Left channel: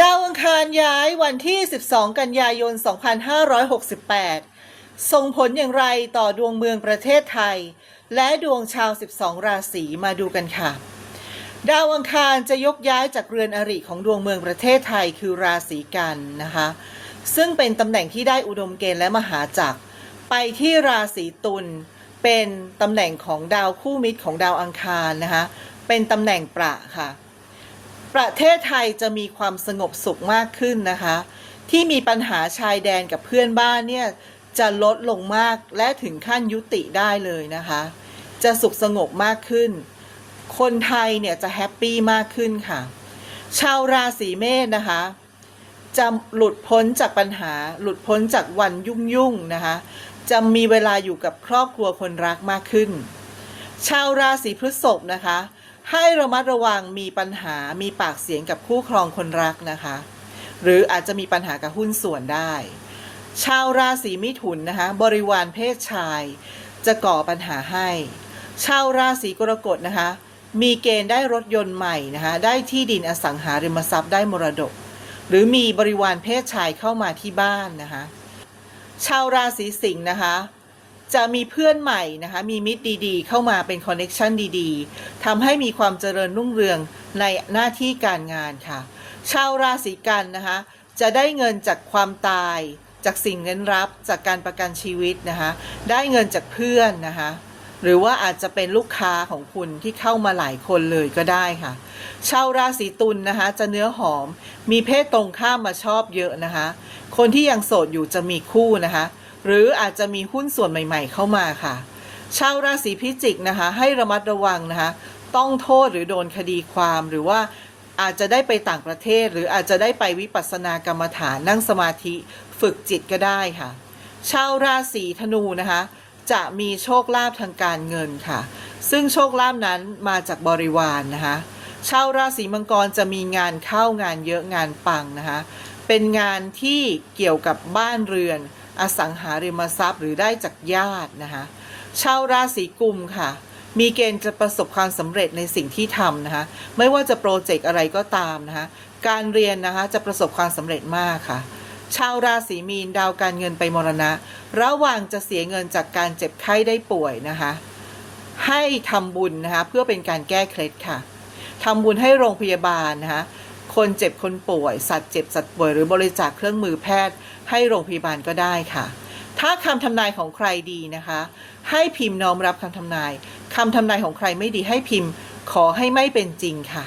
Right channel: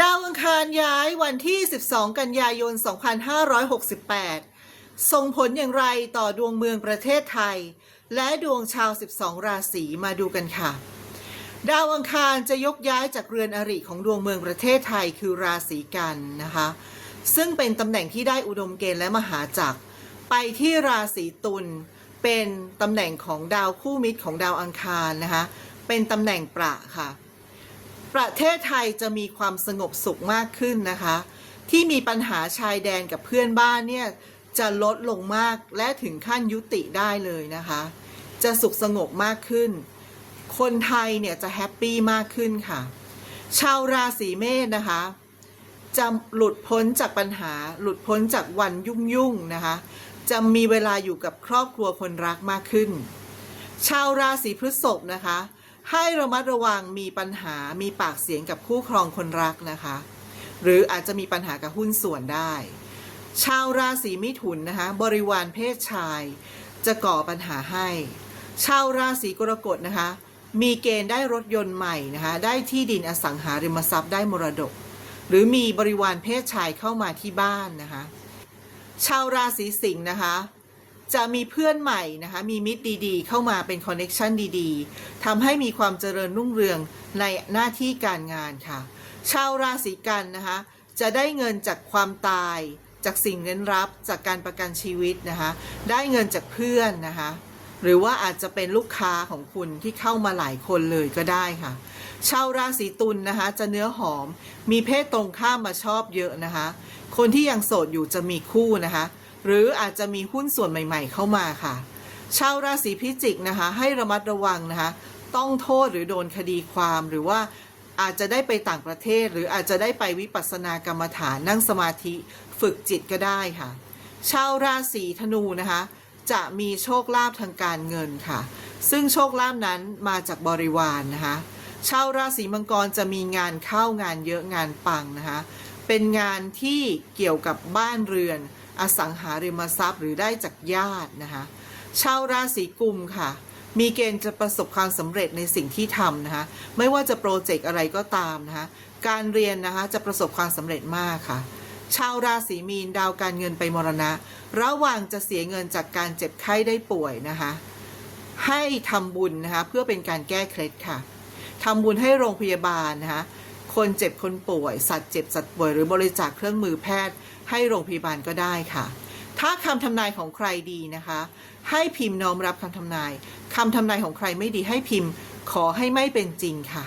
ดาวอังคารย้ายวันที่ 12 กันยายน 2568 ส่งผลอย่างไรต่อดวงเมืองประเทศไทย และดวงชาว 12 ราศีมาดูกันค่ะ ดาวอังคารจะยกย้ายจากเรือนอริของดวงเมืองประเทศไทยคือราศีกันนะคะ ซึ่งเป็นตำแหน่งที่ได้อุดมเกณฑ์และมหาจักร ไปที่ราศีตุลเป็นตำแหน่งของดาวคู่มิตรของดาวอังคารนะคะ เป็นตำแหน่งประค่ะ ประเทศไทยจะมีความสงบสุขมากขึ้นนะคะ ที่มีปัญหาชายแดนกับเพื่อนบ้านเนี่ยจะลดลงมากและถึงขั้นยุติได้เลยนะคะ จะสุขสงบมากขึ้น คนไทยเนี่ยจะแฮปปี้มากขึ้นค่ะ ชาวราศีเมษนะคะ จะหลุดพ้นจากปัญหา หลุดพ้นจากวันยุ่งยุ่งนะคะ จะมีเวลาอยู่กับครอบครัวคนรักมากขึ้น ชาวราศีพฤษภนะคะ ให้ระมัดระวังมีปัญหามีปากเสียงกับคู่ครองคนรักนะคะ หรืออาจจะมีปัญหากับหุ้นส่วนได้ ชาวราศีมิถุนนะคะ บริวารเพศชาย จะก่อปัญหาให้ ชาวราศีกรกฎนะคะ มีเกณฑ์ได้รถยนต์ใหม่นะคะ ได้ที่ดินอสังหาริมทรัพย์ได้มรดก หรือมีบริวารเพศชายเข้ามาที่บ้านนะคะ ชาวราศีสิงห์นะคะ จะมีเพื่อนใหม่นะคะ มีมิตรดีๆ เข้ามาเป็นคอนเน็ชันดีๆทำให้มีความเจริญรุ่งเรืองในหน้าที่การงานค่ะ ชาวราศีกันนะคะ จะได้เงินจากความตาย จากสิ่งเน้นรับจากการประกันชีวิตนะคะ ได้เงินจากเพื่อนนะคะ หรือว่าอาจจะเป็นลูกค้าของคุณที่เข้ามาหลายคนเลยก็ได้ค่ะ ชาวราศีตุลนะคะ จะเนื้อหอม มีเพศตรงข้ามมาชอบเยอะนะคะ คนที่ยังโสดอยู่จะมีคู่นะคะ หรืออาจจะมีหุ้นส่วนใหม่ ๆ เข้ามาค่ะ ชาวราศีพิจิกนะคะ ให้ระมัดระวังนะคะ ต้องโทษหรือโดนคดีความหรือว่าอาจจะได้ไปต่างประเทศ หรืออาจจะได้ไปวิปัสสนากรรมฐานนั่งสมาธิฝึกจิตก็ได้ค่ะ ชาวราศีธนูนะคะ จะมีโชคลาภทางการเงินค่ะ ซึ่งโชคลาภนั้นมาจากบริวารนนะคะชาวราศีมังกรจะมีงานเข้างานเยอะงานปังนะคะ เป็นงานที่เกี่ยวกับบ้านเรือน อสังหาริมทรัพย์หรือได้จากญาตินะคะชาวราศีกุมค่ะ มีเกณฑ์จะประสบความสำเร็จในสิ่งที่ทำนะคะไม่ว่าจะโปรเจกต์อะไรก็ตามนะคะการเรียนนะคะจะประสบความสำเร็จมากค่ะ ชาวราศีมีนดาวการเงินไปมรณะ ระหว่างจะเสียเงินจากการเจ็บไข้ได้ป่วยนะคะให้ทำบุญนะคะเพื่อเป็นการแก้เคล็ดค่ะทำบุญให้โรงพยาบาลนะคะ คนเจ็บคนป่วย สัตว์เจ็บสัตว์ป่วยหรือบริจาคเครื่องมือแพทย์ ให้โรงพยาบาลก็ได้ค่ะ ถ้าคำทำนายของใครดีนะคะ ให้พิมพ์น้อมรับคำทำนายคำทำนายของใครไม่ดีให้พิมพ์ ขอให้ไม่เป็นจริงค่ะ